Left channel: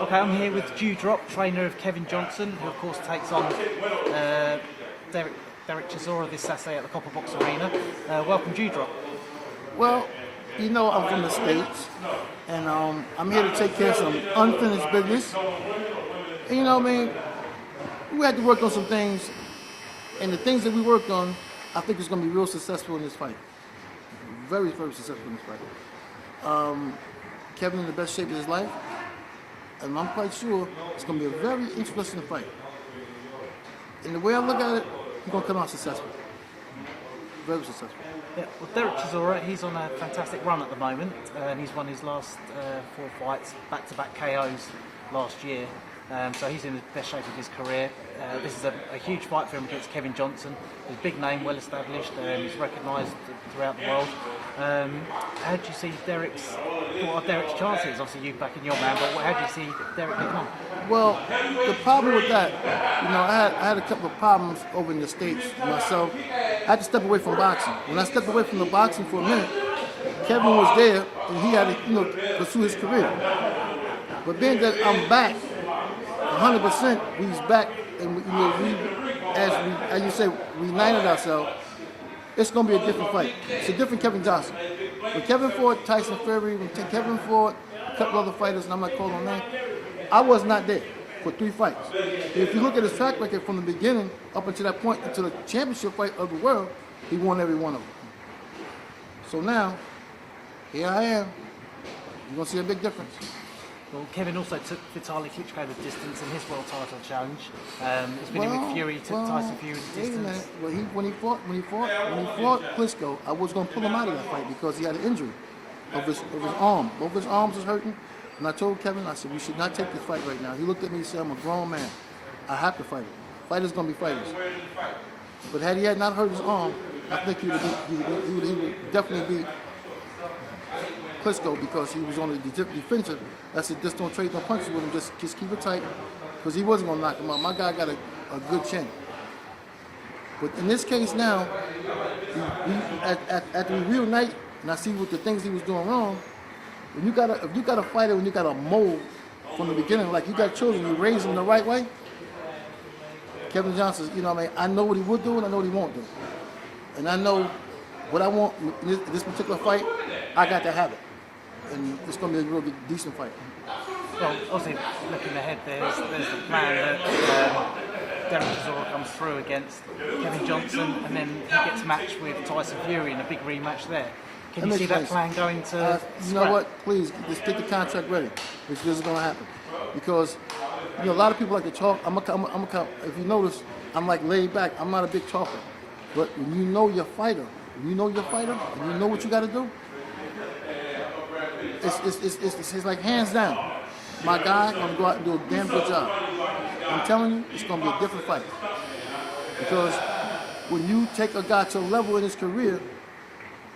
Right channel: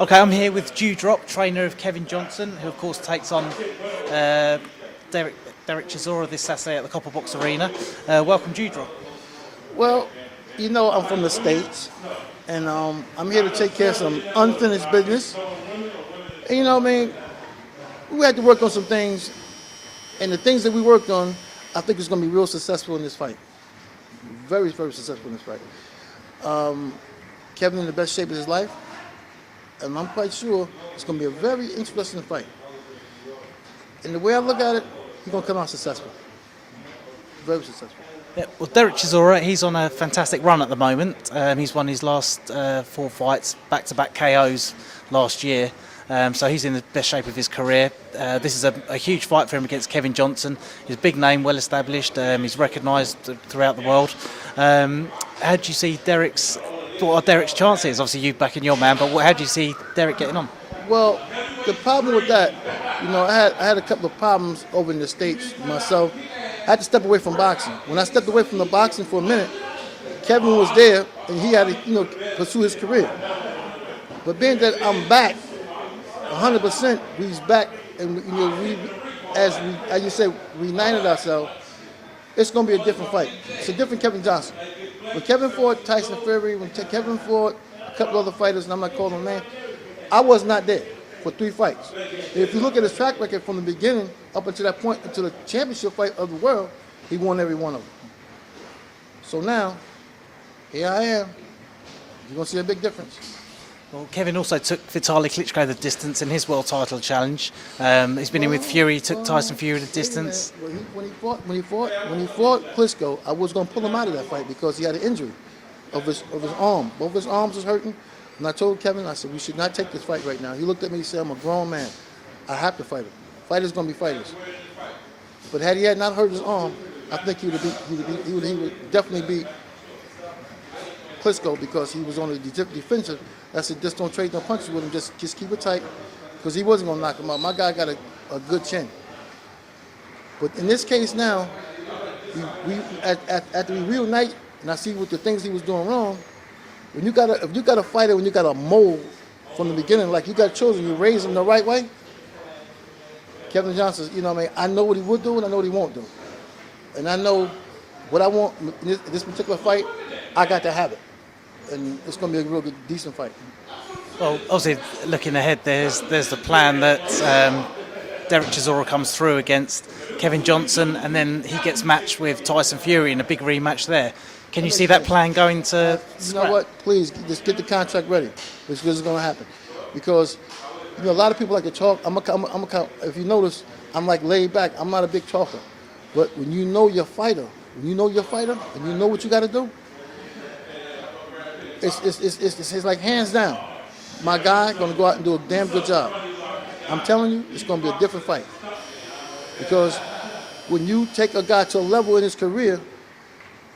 Okay, I'm here with Dewdrop, trainer of Kevin Johnson, who of course takes on Derek Chisora this Saturday at the Copper Box Arena. Welcome, Dewdrop. Well, I'm from the States, and I'm here to take care of some unfinished business. And we had to work on some things, and the things that we worked on, I think is going to be real successful in this fight. Very, very successful in this fight. Kevin in the best shape of his life, and I'm quite sure it's going to be a very interesting fight. And the way I look at it, he's going to come out successful. Very successful. Yeah, well, Derek Chisora, he's on a fantastic run at the moment. He's won his last 4 fights, back-to-back KOs last year. So he's in the best shape of his career. This is a huge fight for him against Kevin Johnson. He's a big name, well established. He's recognised throughout the world. How do you see what are Derek's chances? Obviously, you backing your man, but how do you see Derek getting on? Well, the problem with that, I had a couple of problems over in the States myself. I had to step away from boxing. When I stepped away from the boxing for a minute, Kevin was there, and he had to, pursue his career. But being that I'm back, 100%, he's back, and as you said, we united ourselves. It's going to be a different fight. It's a different Kevin Johnson. When Kevin fought Tyson Fury, when Kevin fought a couple other fighters, and I'm not calling them names, I was not there for 3 fights. If you look at his track record from the beginning up until that point, until the championship fight of the world, he won every one of them. So now, here I am. You're going to see a big difference. Well, Kevin also took Vitaly Klitschko the distance in his world title challenge. He's been in with Fury. He took Tyson Fury the distance. When he fought Klitschko, I was going to pull him out of that fight because he had an injury of his arm. Both his arms was hurting. And I told Kevin, I said, we should not take this fight right now. He looked at me and said, I'm a grown man. I have to fight him. Fighters going to be fighters. But had he not hurt his arm, I think he would definitely beat Klitschko because he was on the defensive. I said, just don't trade no punches with him. Just keep it tight because he wasn't going to knock him out. My guy got a good chin. But in this case now, after we reunite and I see what the things he was doing wrong, if you got a fighter, when you got a mold from the beginning, like you got children, you raise them the right way. Kevin Johnson, I know what he would do and I know what he won't do. And I know what I want in this particular fight, I got to have it. And it's going to be a real good, decent fight. Well, obviously, looking ahead, there's the plan that Derek Chisora comes through against Kevin Johnson and then he gets matched with Tyson Fury in a big rematch there. Can you see that plan going to You know what? Please, just get the contract ready. This is going to happen. Because, a lot of people like to talk. If you notice, I'm like laid back. I'm not a big talker. But when you know your fighter, and you know what you got to do, it's like hands down. My guy going to go out and do a damn good job. I'm telling you, it's going to be a different fight. Because when you take a guy to a level in his career,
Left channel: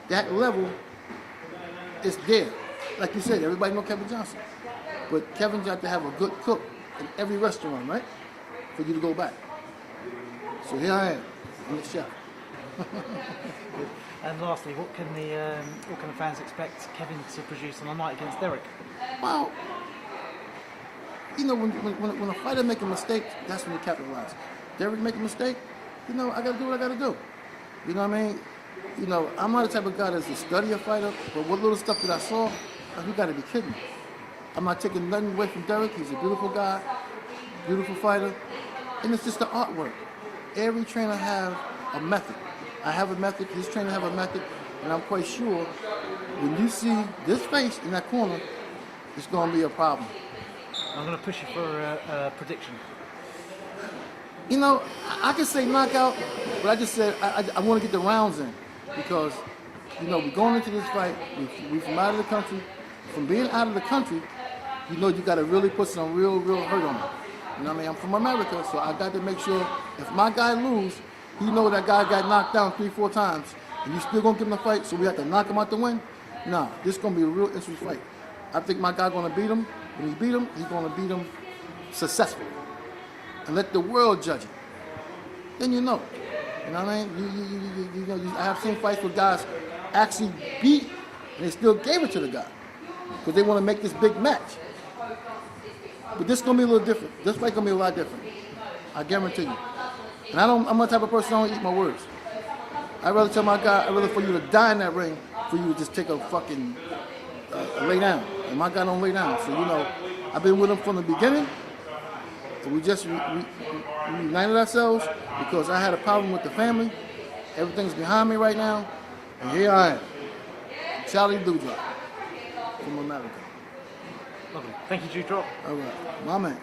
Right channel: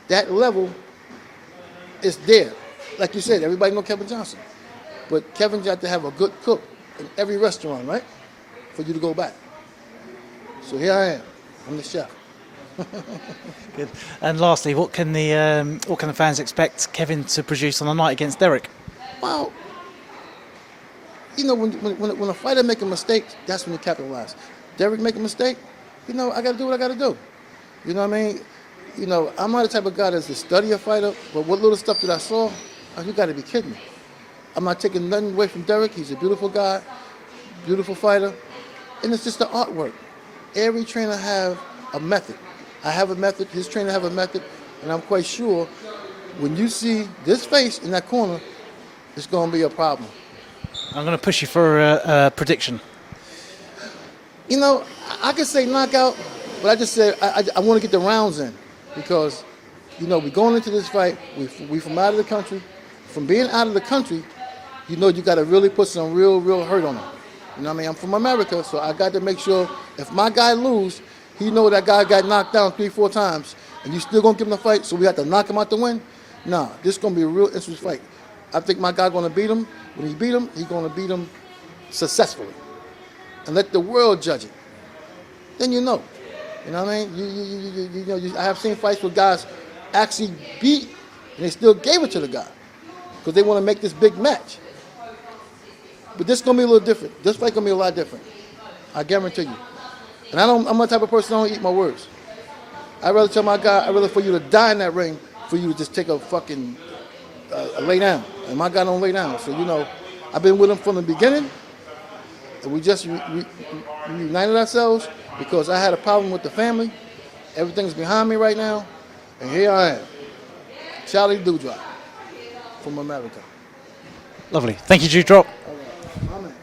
that level is there. Like you said, everybody know Kevin Johnson. But Kevin's got to have a good cook in every restaurant, right? For you to go back. So here I am, I'm the chef. Good. And lastly, what can the fans expect Kevin to produce on the night against Derek? Well, when a fighter make a mistake, that's when you capitalize. Derek make a mistake, I got to do what I got to do. You know what I mean? I'm not the type of guy that's to study a fighter, but what little stuff that I saw, you got to be kidding me. I'm not taking nothing away from Derek. He's a beautiful guy, beautiful fighter, and it's just the artwork. Every trainer have a method. I have a method, his trainer have a method, and I'm quite sure when you see this face in that corner, it's going to be a problem. I'm going to push you for a prediction. I can say knockout, but I just said I want to get the rounds in because, we're going into this fight, we from out of the country. From being out of the country, you got to really put some real hurt on him. I'm from America, so I got to make sure if my guy lose, he know that guy got knocked down 3-4 times, and you still going to give him the fight, so we have to knock him out to win? Nah, this is going to be a real interesting fight. I think my guy going to beat him. When he beat him, he's going to beat him successfully. And let the world judge it. Then you know. You know what I mean? I have seen fights where guys actually beat, and they still gave it to the guy because they want to make this big match. But this gonna be a little different. This fight gonna be a lot different. I guarantee you. And I'm the type of person I don't eat my words. I'd rather tell my guy, I'd rather for you to die in that ring, for you to just take a fucking lay down. And my guy don't lay down. So I've been with him from the beginning, and we just reunited ourselves because I had a problem with the family. Everything's behind me right now, and here I am, Charlie Dewdrop from America. Lovely. Thank you, Dewdrop. All right, my man.